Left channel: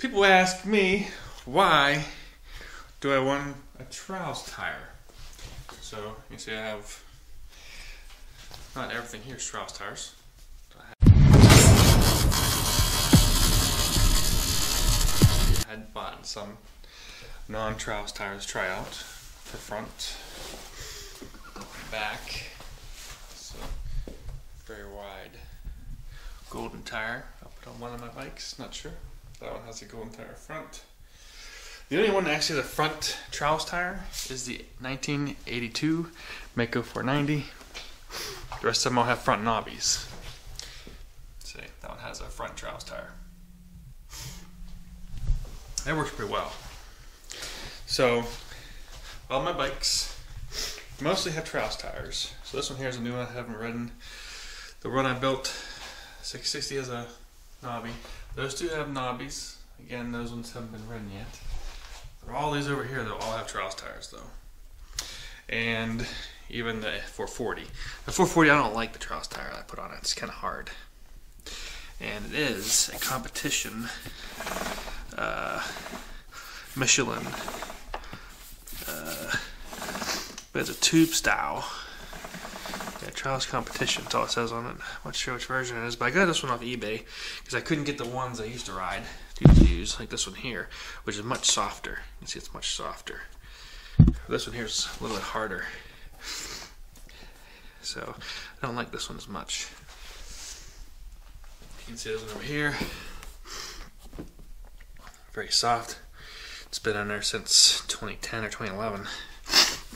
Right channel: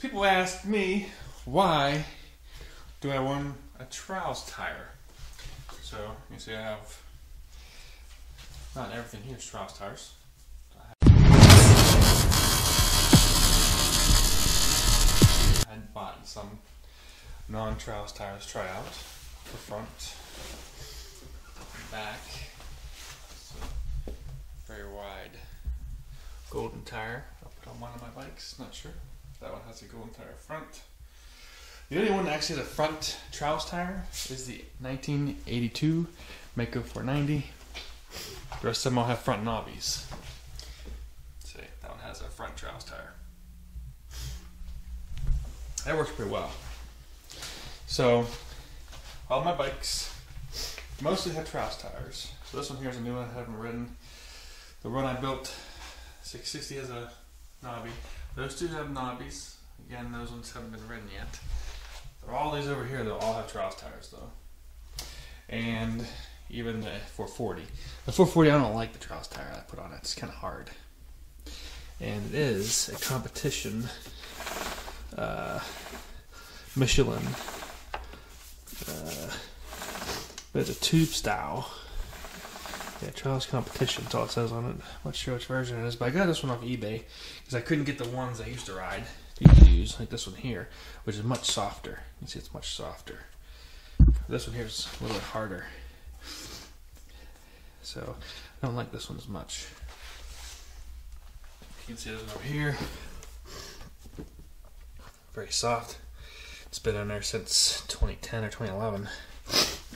People ask me, why do I want a trials tire? So you see I have, not everything here is trials tires. I had bought some non-trials tires to try out. The front, back, so, golden tire. I'll put on one of my bikes, not sure. That one has a golden tire front. The only one that actually has a front trials tire is the 1982 Maicos 490. The rest of them all have front knobbies. See, that one has a front trials tire. That works pretty well. So, all my bikes mostly have trials tires. So this one here is a new one I haven't ridden. The one I built, 660, has a knobby. Those two have knobbies. Again, those ones haven't been ridden yet. But all these over here, they'll all have trials tires though. And even the 440. The 440, I don't like the trials tire I put on it. It's kind of hard. And it is a competition Michelin. But it's a tube style. Yeah, trials competition, that's all it says on it. I'm not sure which version it is, but I got this one off eBay because I couldn't get the ones I used to ride, use, like this one here, which is much softer. You can see it's much softer. This one here is a little bit harder. So I don't like this one as much. You can see this one over here. Very soft. It's been on there since 2010 or 2011.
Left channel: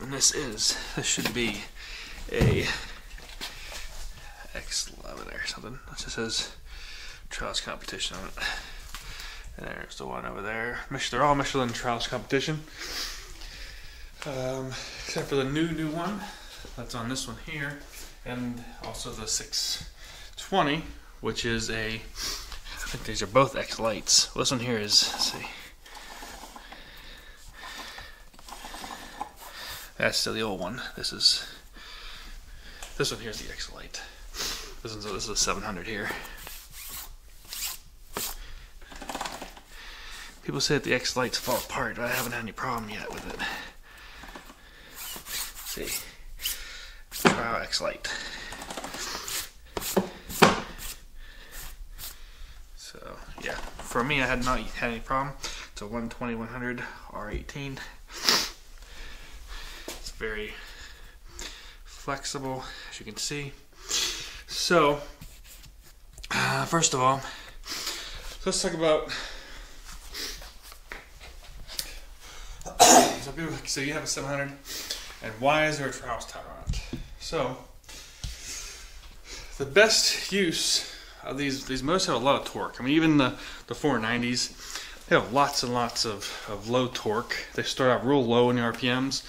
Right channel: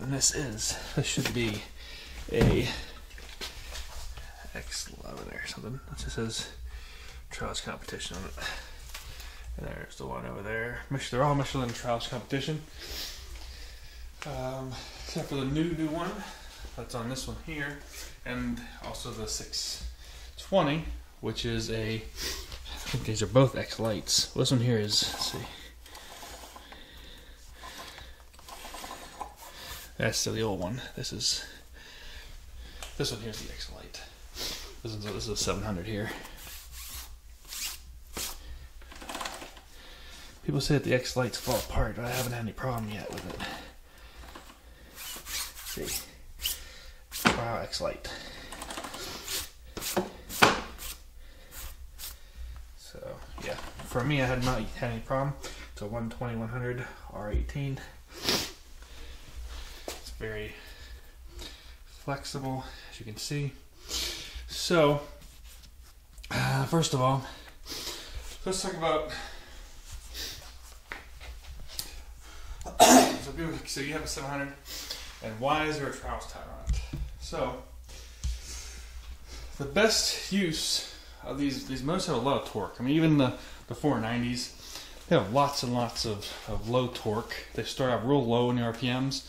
And this should be a X11 or something. It just says trials competition on it. And there's the one over there. They're all Michelin trials competition. Except for the new one that's on this one here. And also the 620, which is a, I think these are both X lights. Well, this one here is, let's see. That's still the old one. This one here's the X light. This is a 700 here. People say that the X lights fall apart, but I haven't had any problem yet with it. Let's see. Wow, X light. So yeah, for me, I had not had any problem. It's a 120/100 R18. Very flexible, as you can see. So, first of all, let's talk about. So you have a 700, and why is there a trials tire on it? So, the best use of these most have a lot of torque. I mean, even the 490s, they have lots and lots of low torque. They start out real low in the RPMs.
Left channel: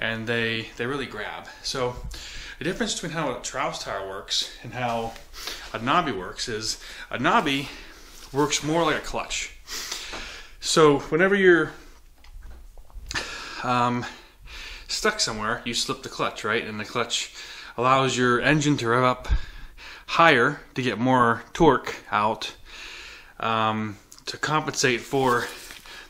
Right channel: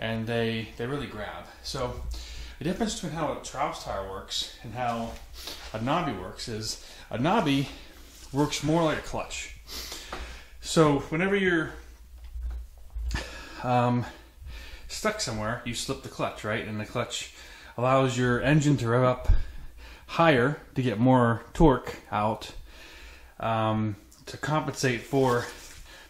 And they really grab. So the difference between how a trials tire works and how a knobby works is a knobby works more like a clutch. So whenever you're stuck somewhere, you slip the clutch, right? And the clutch allows your engine to rev up higher to get more torque out to compensate for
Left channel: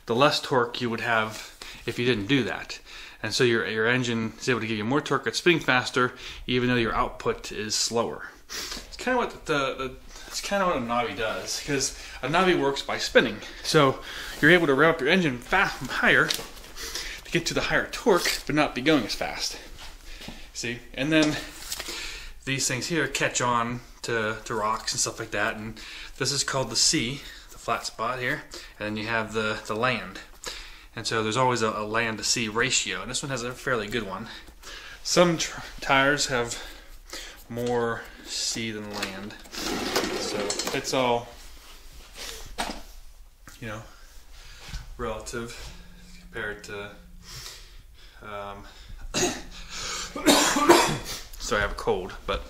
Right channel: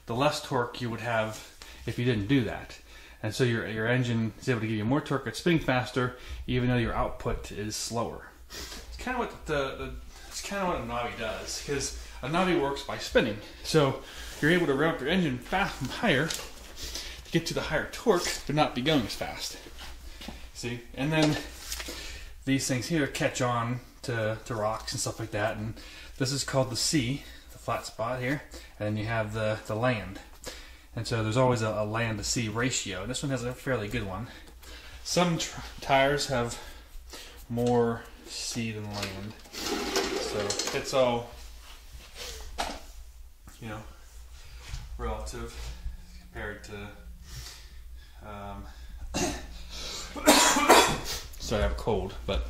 the less torque you would have if you didn't do that. And so your engine is able to give you more torque at spinning faster, even though your output is slower. It's kind of what a knobby does, because a knobby works by spinning. So you're able to rev up your engine higher to get to the higher torque, but not be going as fast. See, and then these things here catch on to rocks and stuff like that, and this is called the C, the flat spot here, and then you have the land. And so there's always a land to sea ratio, and this one has a fairly good one. Some tires have more sea than land, so it's all, you know, relative compared to. Sorry, I have a cold, but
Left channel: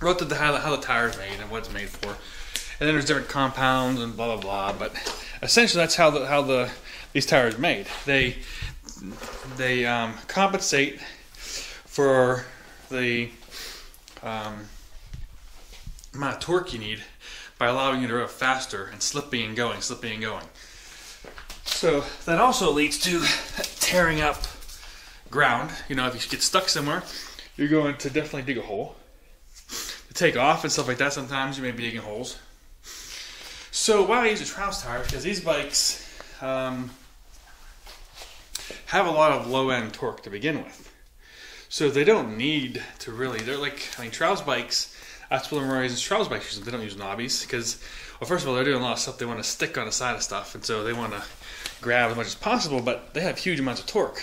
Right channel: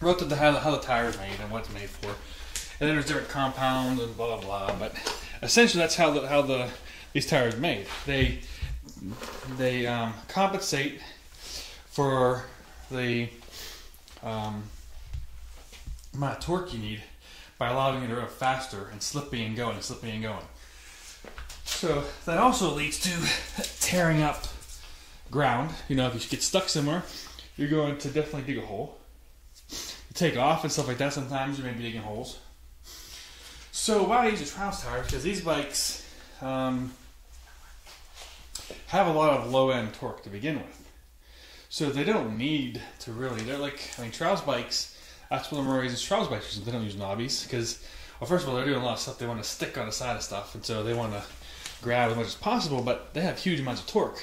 relative to how the tire is made and what it's made for. And then there's different compounds and blah blah. But essentially, that's how these tires are made. They compensate for the amount of torque you need by allowing you to rev faster and slipping and going, slipping and going. So that also leads to tearing up ground. You know, if you get stuck somewhere, you're going to definitely dig a hole. To take off and stuff like that, sometimes you may be digging holes. So why I use a Trouse tire? Because these bikes have a lot of low-end torque to begin with. So they don't need to really, they're like, I mean, Trouse bikes, that's what I'm using Trouse bikes. They don't use knobbies because, well, first of all, they're doing a lot of stuff. They want to stick on the side of stuff, and so they want to grab as much as possible, but they have huge amounts of torque.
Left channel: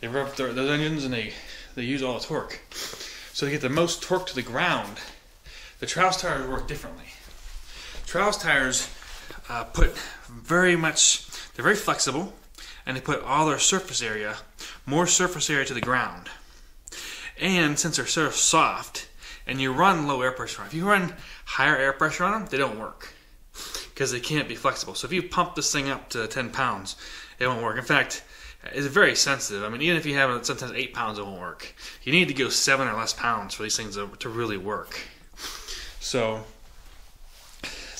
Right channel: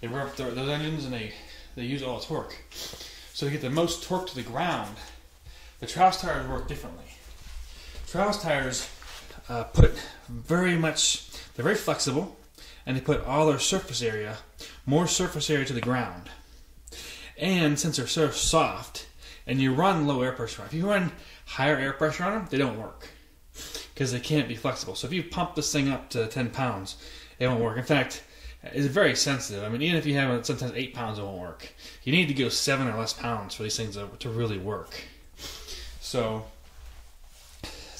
They rev up their engines and they use all the torque. So to get the most torque to the ground, the Trouse tires work differently. Trouse tires they're very flexible, and they put all their surface area, more surface area to the ground. And since they're so soft, and you run low air pressure on them, if you run higher air pressure on them, they don't work because they can't be flexible. So if you pump this thing up to 10 pounds, it won't work. In fact, it's very sensitive. I mean, even if you have it sometimes 8 pounds, it won't work. You need to go 7 or less pounds for these things to really work. So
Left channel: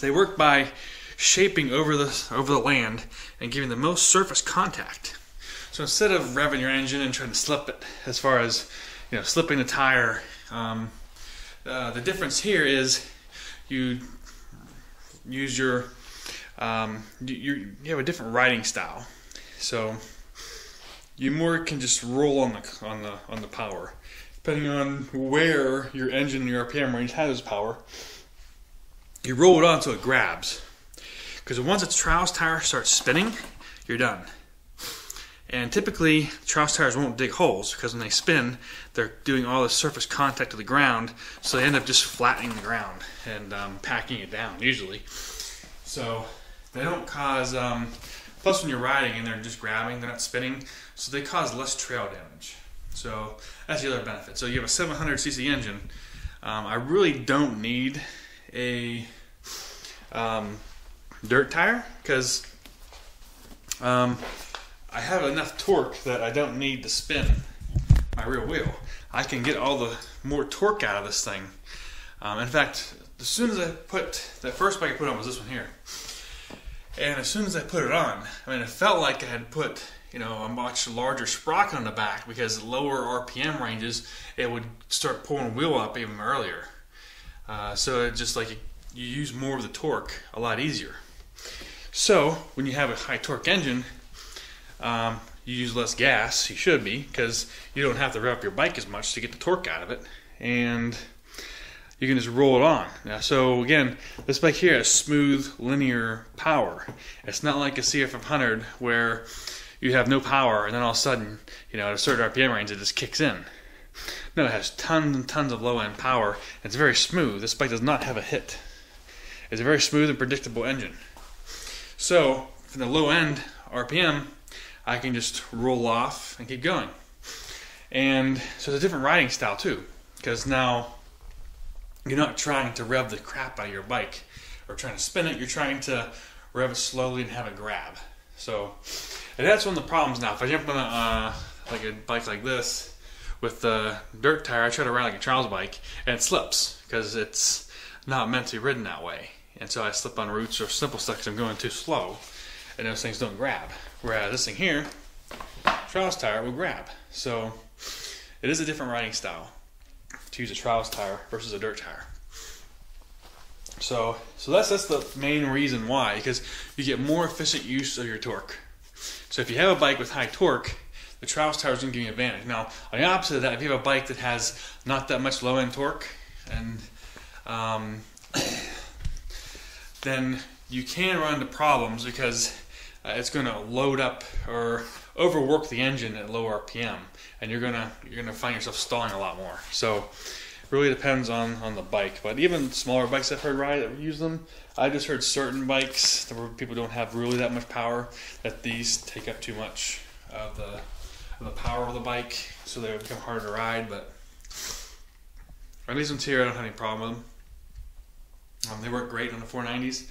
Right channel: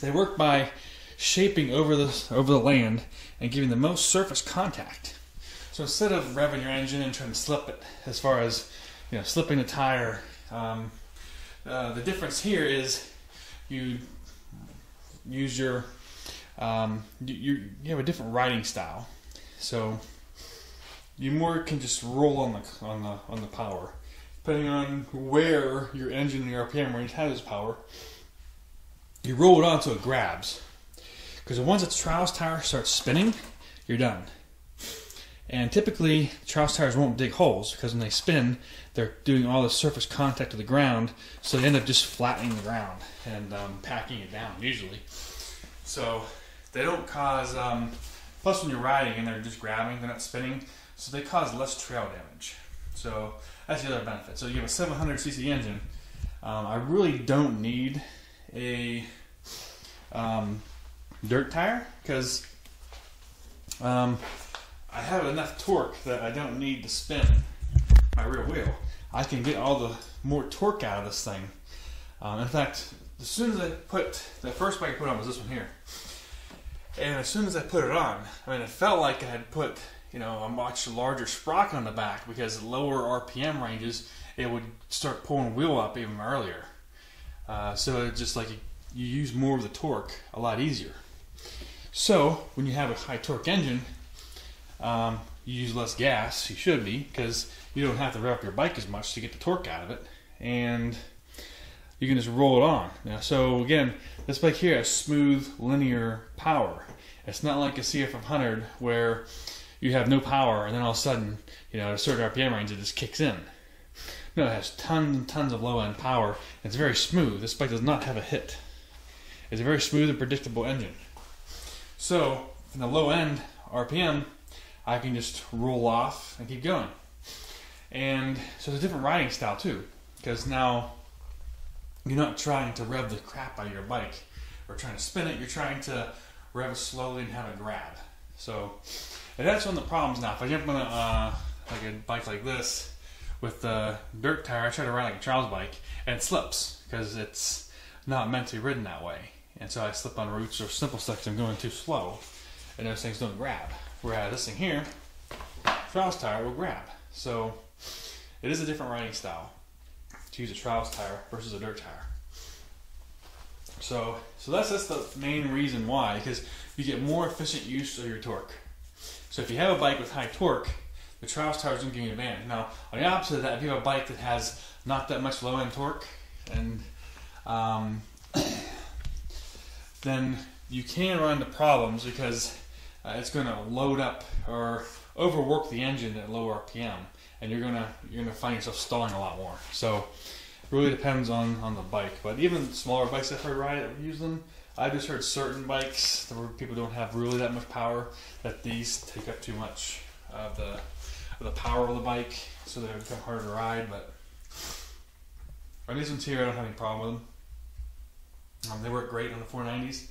they work by shaping over the land and giving the most surface contact. So instead of revving your engine and trying to slip it, as far as slipping the tire, the difference here is you use you have a different riding style. So you more can just roll on the power, depending on where your engine and your RPM range has power. You roll it on until it grabs, because once a Trouse tire starts spinning, you're done. And typically, Trouse tires won't dig holes because when they spin, they're doing all the surface contact to the ground, so they end up just flattening the ground and packing it down usually. So they don't cause. Plus, when you're riding and they're just grabbing, they're not spinning, so they cause less trail damage. So that's the other benefit. So you have a 700cc engine. I really don't need a dirt tire because I have enough torque that I don't need to spin my rear wheel. I can get all the more torque out of this thing. In fact, as soon as I put that first bike I put on was this one here, and as soon as I put it on, I mean, it felt like I had put a much larger sprocket on the back, because lower RPM ranges, it would start pulling wheel up even earlier. So it just like you use more of the torque a lot easier. So when you have a high torque engine, you use less gas. You should be, because you don't have to rev up your bike as much to get the torque out of it, and you can just roll it on. Now, so again, this bike here has smooth, linear power. It's not like a CF500 where you have no power and then all of a sudden, at a certain RPM range, it just kicks in. No, it has tons and tons of low-end power. It's very smooth. This bike does not have a hit. It's a very smooth and predictable engine. So, from the low-end RPM, I can just roll off and keep going. And so it's a different riding style too, because now you're not trying to rev the crap out of your bike or trying to spin it. You're trying to rev it slowly and have it grab. So, and that's one of the problems now. If I jump on like a bike like this with the dirt tire, I try to ride like a Charles bike, and it slips because it's not meant to be ridden that way. And so I slip on roots or simple stuff because I'm going too slow, and those things don't grab. Whereas this thing here, Trouse tire, will grab. So it is a different riding style to use a Trouse tire versus a dirt tire. So that's the main reason why, because you get more efficient use of your torque. So if you have a bike with high torque, the Trouse tire is going to give you an advantage. Now, on the opposite of that, if you have a bike that has not that much low-end torque, and then you can run into problems because it's going to load up or overwork the engine at low RPM, and you're gonna find yourself stalling a lot more. So it really depends on the bike. But even smaller bikes I've heard ride that use them, I just heard certain bikes where people don't have really that much power, that these take up too much of the power of the bike, so they become harder to ride. But these ones here, I don't have any problem with them. They work great on the 490s,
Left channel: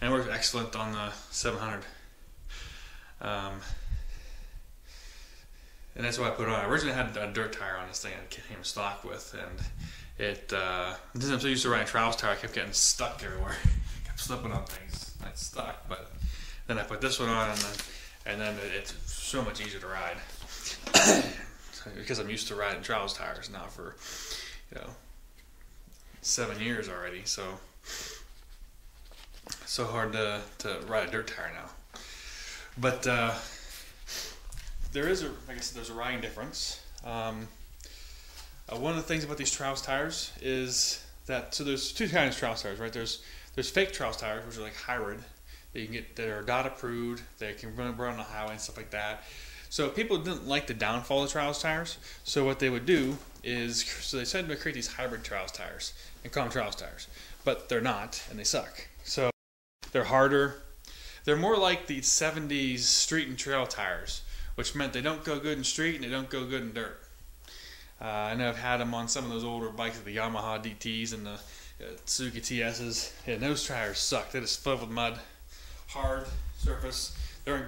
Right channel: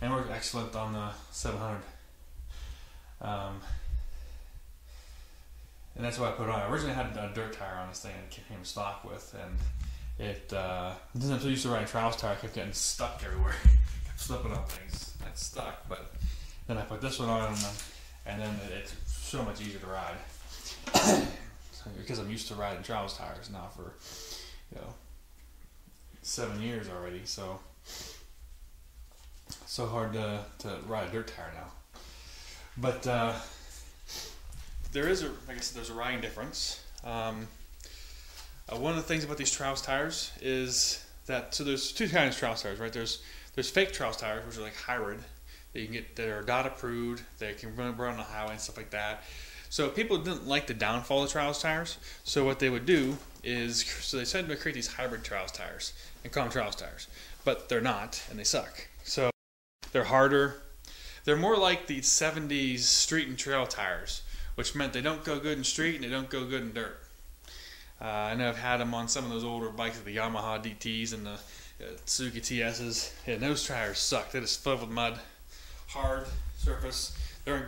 and they work excellent on the 700. And that's what I put on. I originally had a dirt tire on this thing I came stock with, and it since I'm so used to riding Trouse tire, I kept getting stuck everywhere slipping up. But then I put this one on, and then it's so much easier to ride because I'm used to riding trials tires now for 7 years already. So hard to ride a dirt tire now. But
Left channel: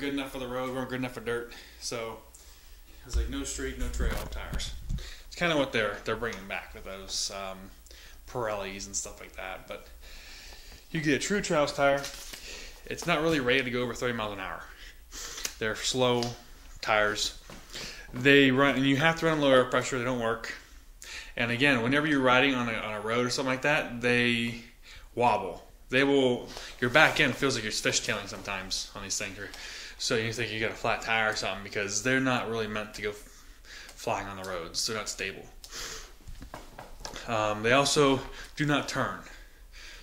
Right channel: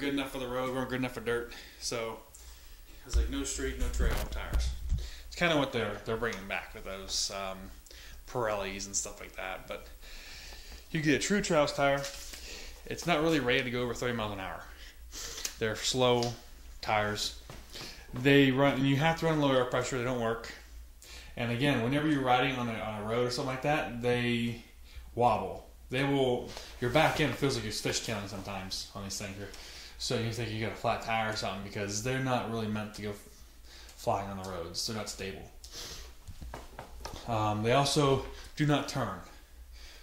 good enough for the road, wasn't good enough for dirt. So there's like no street, no trail. It's kind of what they're. You get a true trials tire. It's not really ready to go over 30 miles an hour. They're slow tires. They run, and you have to run lower pressure. They don't work. And again, whenever you're riding on a road or something like that, they wobble. They will. Your back end feels like you're fishtailing sometimes on these things. So you think you got a flat tire or something because they're not really meant to go flying on the roads. They're not stable. They also do not turn.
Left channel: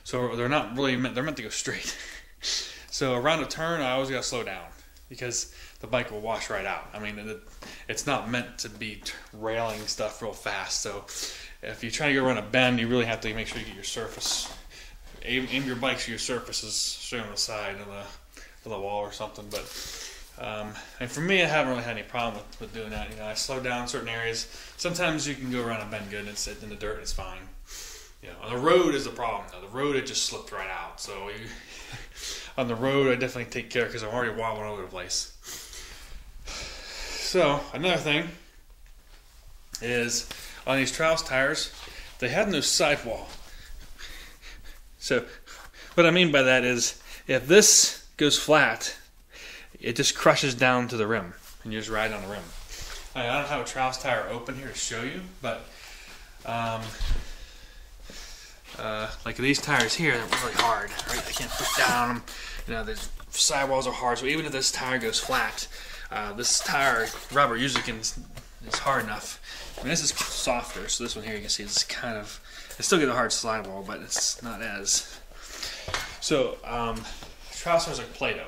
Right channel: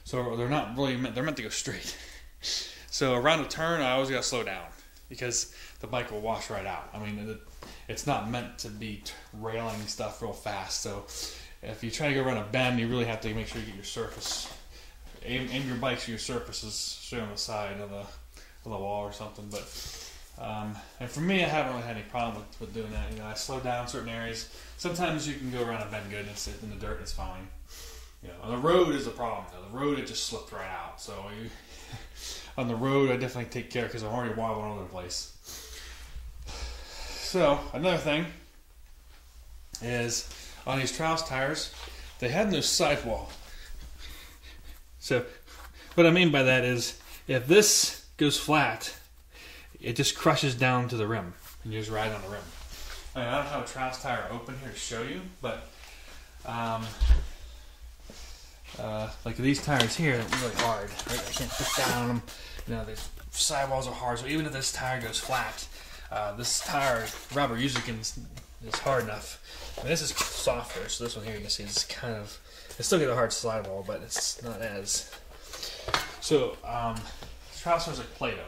So they're not really meant to be straight. Bike wash right out. I mean, it's not meant to be railing stuff real fast. So if you try to go around a bend, you really have to make sure you get your surface. Aim your bike so your surface is straight on the side of the wall or something. But and for me, I haven't really had any problem with doing that. I slow down in certain areas. Sometimes you can go around a bend good and sit in the dirt and it's fine. On the road is the problem. Though. The road, it just slipped right out. So on the road, I definitely take care because I'm already wobbling all over the place. So another thing is on these trials tires, they had no sidewall. So what I mean by that is if this goes flat, it just crushes down to the rim and you just ride on the rim. I don't have a trials tire open here to show you, but like these tires here, they're really hard. Right? I can't put down them. The sidewalls are hard, so even if this tire goes flat, this tire rubber usually is hard enough. I mean, this is softer, so this one here you can see is kind of, it's still got a hard sidewall, but it's not as. So, trials tires are like Play-Doh.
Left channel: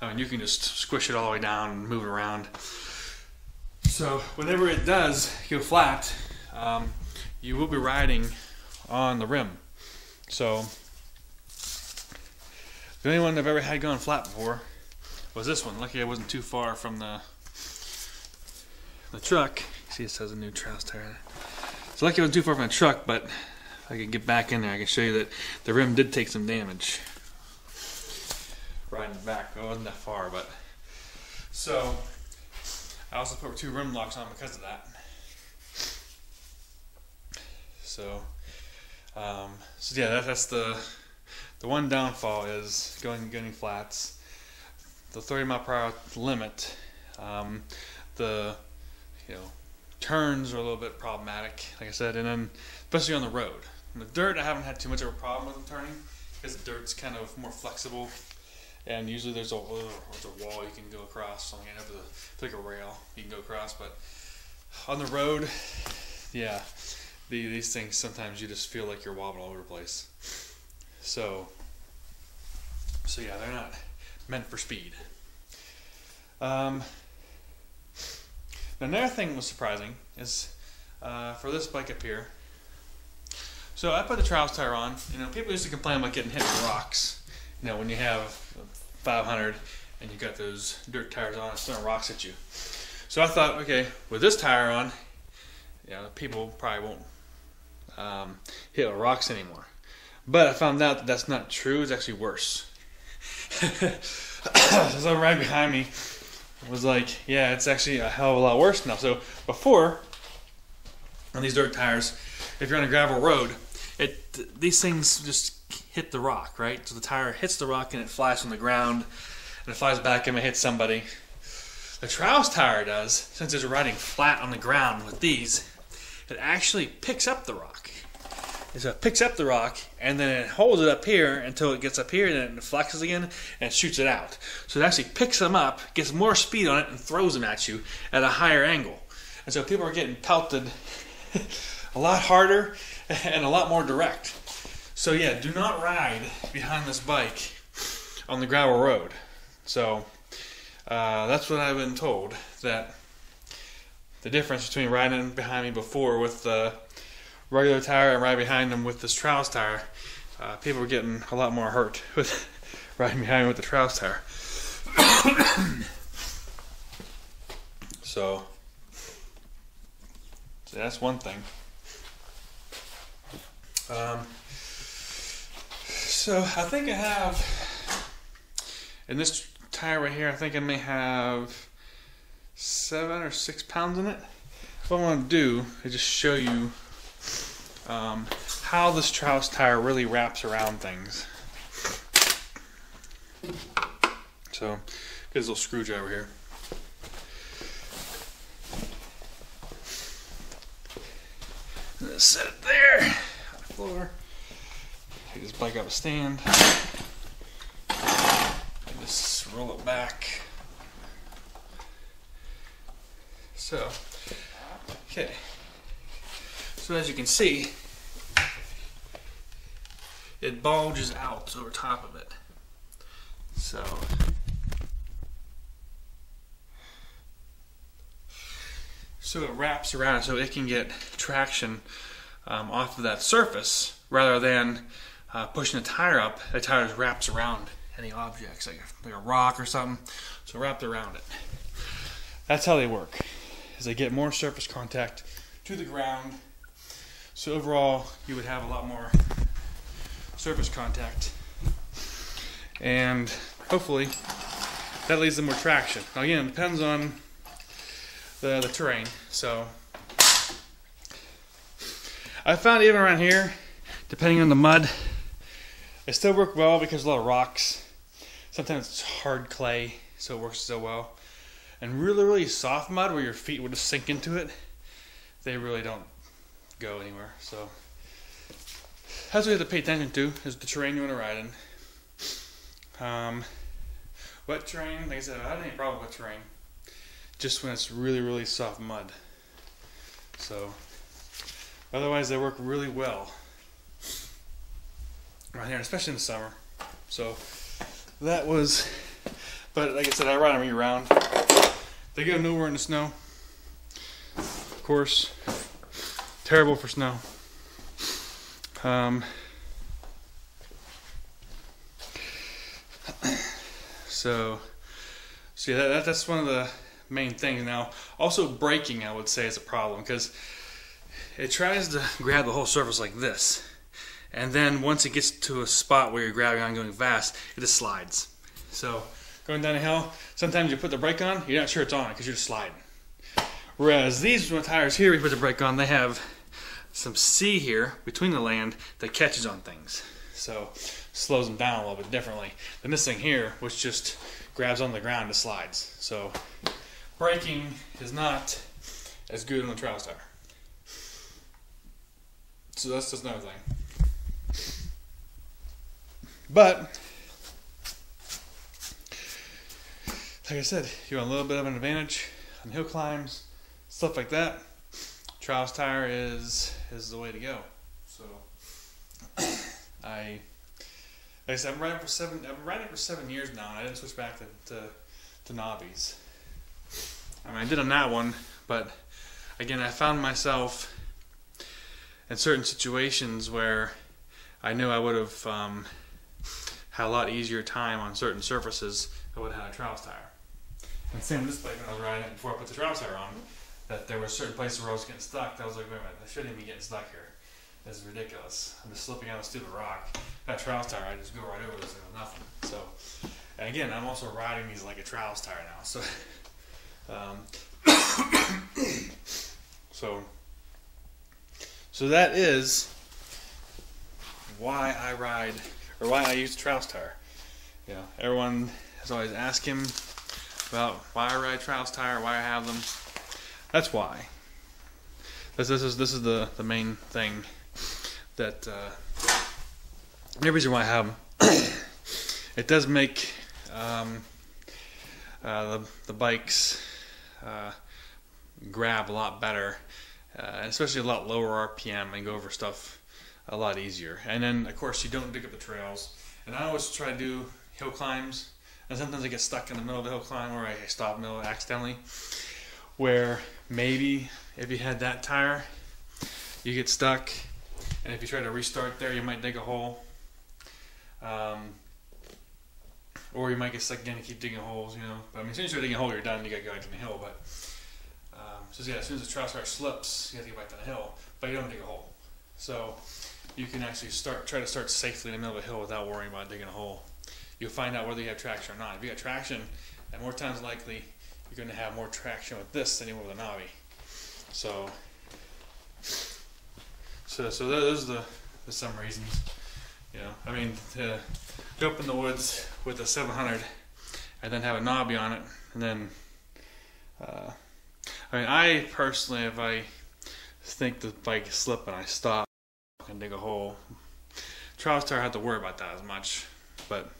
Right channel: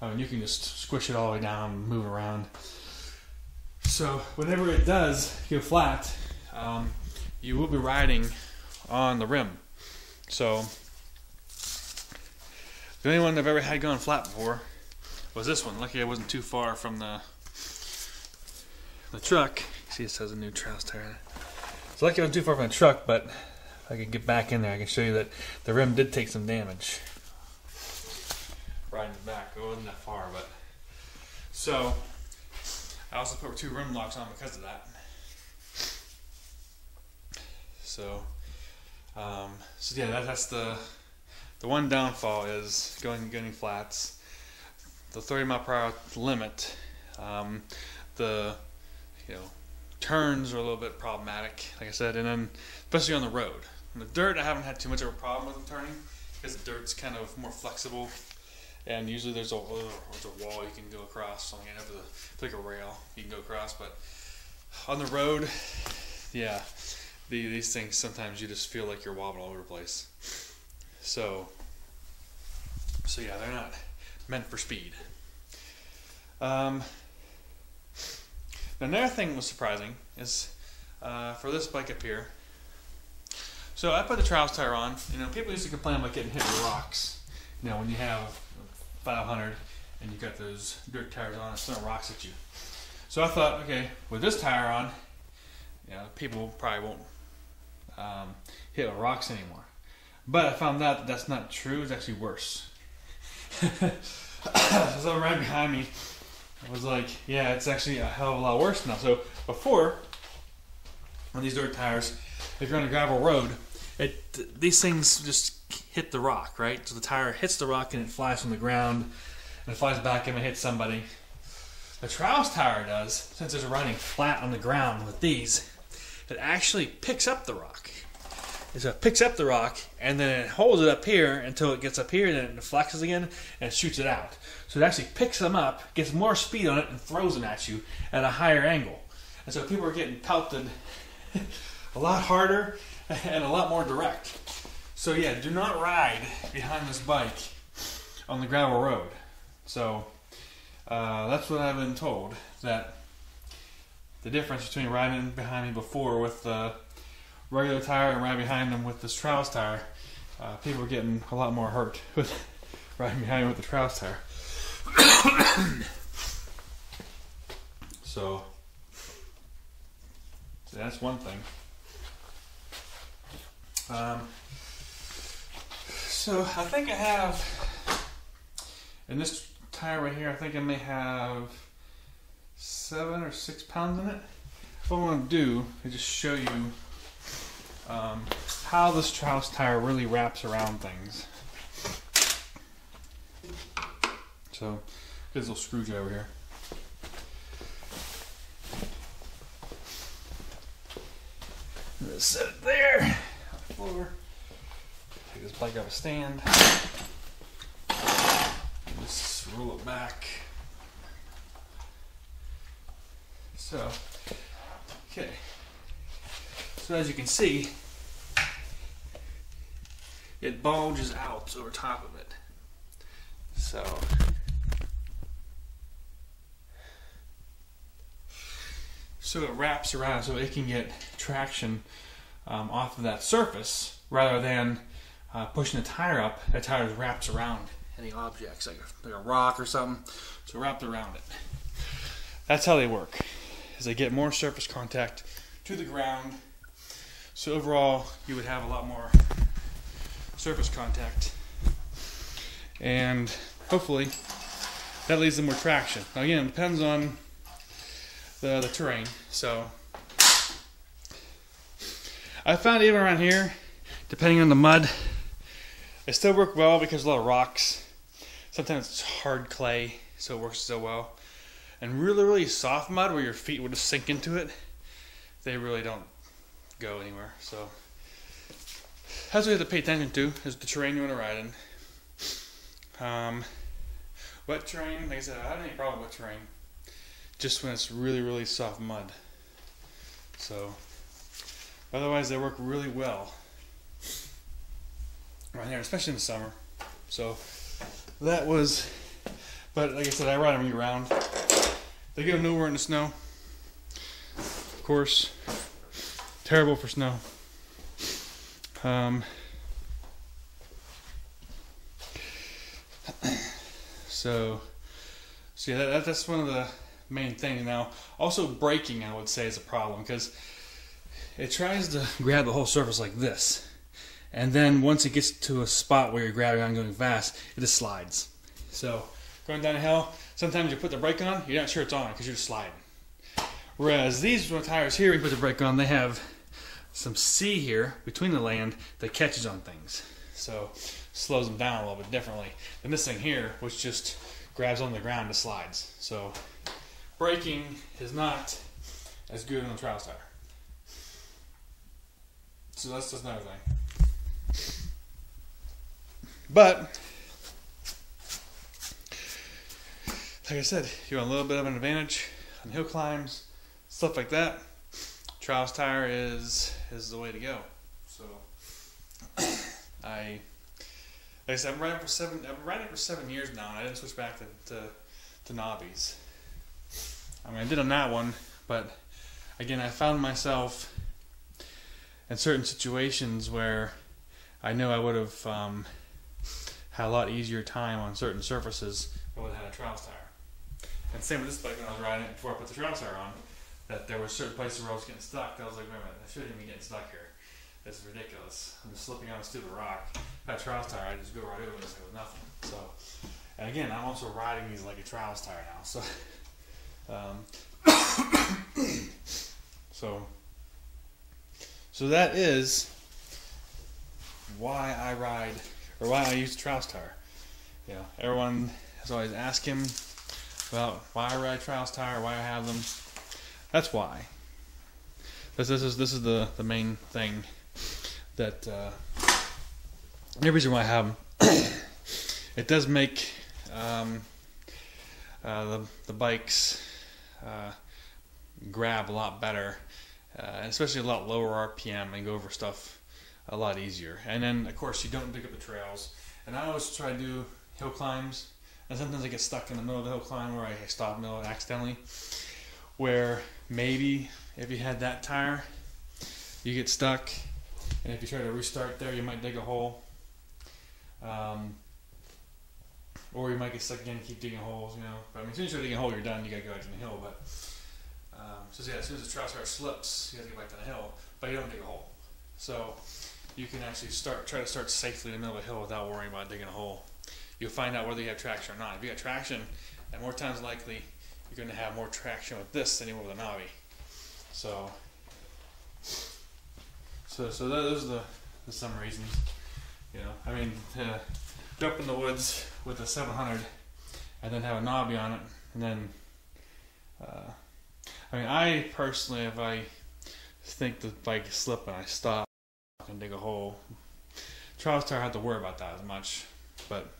I mean, you can just squish it all the way down and move it around. So, whenever it does go flat, you will be riding. So lucky I was too far from my truck, but if I could get back in there, I can show you that the rim did take some damage. Right in the back. It wasn't that far, but so I also put 2 rim locks on because of that. So yeah, that's the. I used to complain about getting hit with rocks. When you have 500 and you got those dirt tires on, it's throwing rocks at you. So I thought, okay, with this tire on, people probably won't hit with rocks anymore. But I found out that that's not true. It's actually worse. So someone right behind me was like, yeah, it's actually a hell of a lot worse now. So before, on these dirt tires, if you're on a gravel road, and it flies from the ground, and it flies back and it hits somebody. The Trouse tire does, since it's riding flat on the ground with these, it actually picks up the rock. So it picks up the rock, and then it holds it up here until it gets up here, then it flexes again, and shoots it out. So it actually picks them up, gets more speed on it, and throws them at you at a higher angle. And so people are getting pelted a lot harder and a lot more direct. So yeah, do not ride behind this bike on the gravel road. So that's what I've been told, that the difference between riding behind me before with the regular tire and riding behind them with this Trouse tire, people were getting a lot more hurt with riding behind me with the Trouse tire. So that's one thing. So I think I have, in this tire right here, I think I may have 7 or 6 pounds in it. What I want to do is just show you how this Trouse tire really wraps around things. So, get this little screwdriver here. Just set it there on the floor. Take this bike out stand. And just roll it back. So, okay. So as you can see, it bulges out over top of it. So it wraps around so it can get traction off of that surface rather than pushing the tire up. The tire just wraps around any objects, like a rock or something. So wrapped around it. And hopefully that leads to more traction. Now again, it depends on the terrain. So I found even around here, mud still work well because of rocks. It's hard to play. Really soft mud when you stick into it, they really don't do it at all. That's what I pay attention to, is the terrain we're riding. Wet terrain, like I said, I don't have any problem with terrain, just when it's really, really soft mud. So, otherwise they work really well right here, especially in the summer. So, that was, but like I said, I ride them year round. They get, of course, terrible for snow. So yeah, that's one of the main things. Now, also braking, I would say, is a problem because it tries to grab the whole surface like this, and then once it gets to a spot where you're grabbing on going fast, it just slides. So going down a hill, sometimes you put the brake on, you're not sure it's on because you're just sliding. Whereas these tires here, we put the brake on, they have some C here between the land that catches on things, so slows them down a little bit differently than this thing here, which just grabs on the ground and slides. So braking is not as good on the Trouse tire. So that's just another thing. I did on that one, but again, I found myself in certain situations where I know I would have had a lot easier time on certain surfaces if I would have had a Trouse tire. And same with this bike I was riding before I put the Trouse tire on, that there were certain places where I was getting stuck that I was like, wait a minute, I shouldn't even be getting stuck here. This is ridiculous. I'm just slipping on a stupid rock. That Trouse tire, I just go right over this thing with nothing. So, and again, I'm also riding these like a Trouse tire now. So, so that is why I ride, or why I use the Trouse tire. is always ask him about why I ride trials tire, why I have them. That's why. This is the main thing that the reason why I have them. It does make the bikes grab a lot better, especially a lot lower RPM, and go over stuff a lot easier. And then, of course, you don't dig up the trails. And I always try to do hill climbs, and sometimes I get stuck in the middle of the hill climb, or I stop in the middle accidentally, where maybe if you had that tire, you get stuck, and if you try to restart there, you might dig a hole. Or you might get stuck again and keep digging holes, you know. But I mean, as soon as you start digging a hole, you're done, you gotta go back in the hill. But so yeah, as soon as the trail tire slips, you gotta get back to the hill. But you don't dig a hole. So you can actually try to start safely in the middle of the hill without worrying. You find more traction, and more times likely you're gonna have more traction with this than you will with mine. So those are the some reasons. You know, I mean, to go up in the woods with a 700 and then have a knobby on it, and then, I mean, I personally, if I think the bike is slipping, I stop and dig a hole. Trials tire, I don't have to worry about that as much, but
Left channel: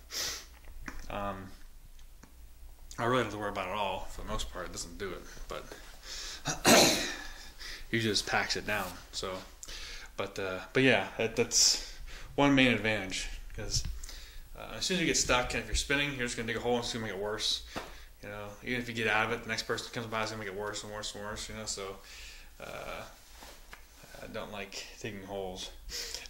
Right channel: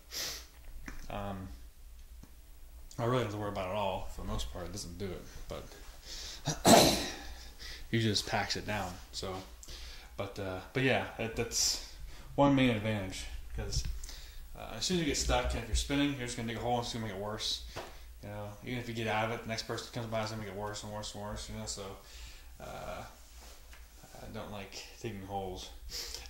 I really don't have to worry about it at all. For the most part, it doesn't do it, but you just tax it down. So, but yeah, that's one main advantage, because as soon as you get stuck and if you're spinning, you're just going to dig a hole and it's going to make it worse. You know, even if you get out of it, the next person that comes by is going to make it worse and worse and worse, you know, so I don't like digging holes.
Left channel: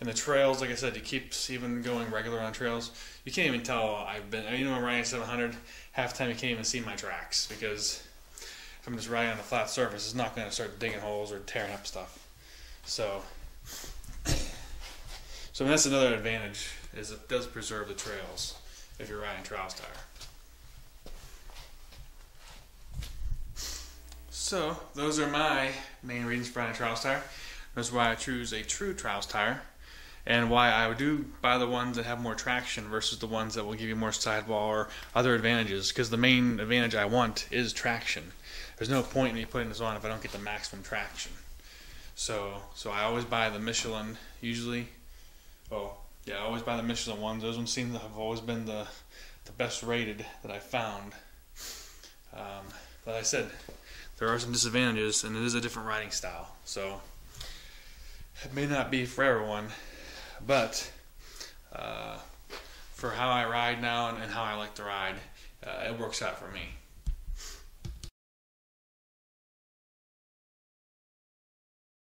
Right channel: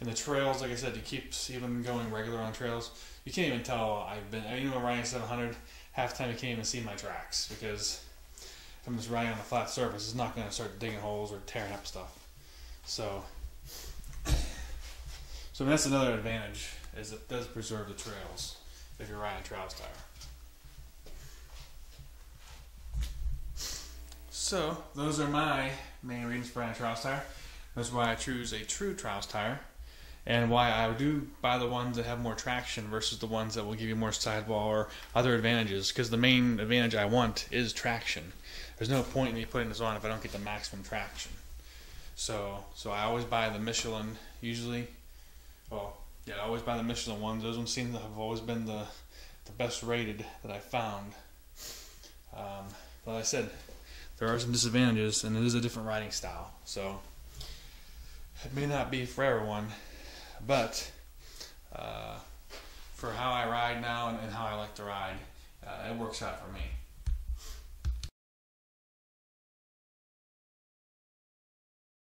And the trails, like I said, it keeps even going regular on trails. You can't even tell I'm riding 700, half the time you can't even see my tracks, because if I'm just riding on a flat surface, it's not going to start digging holes or tearing up stuff. So that's another advantage, is it does preserve the trails if you're riding trials tire. So those are my main reasons for riding trials tire. That's why I choose a true trials tire, and why I would do buy the ones that have more traction versus the ones that will give you more sidewall or other advantages. Because the main advantage I want is traction. There's no point in get the maximum traction. So I always buy the Michelin usually. Well, yeah, I always buy the Michelin ones. Those ones seem to have always been the best rated that I found. But like I said, there are some disadvantages, and it is a different riding style. So it may not be for everyone, but for how I ride now and how I like to ride, it works out for me.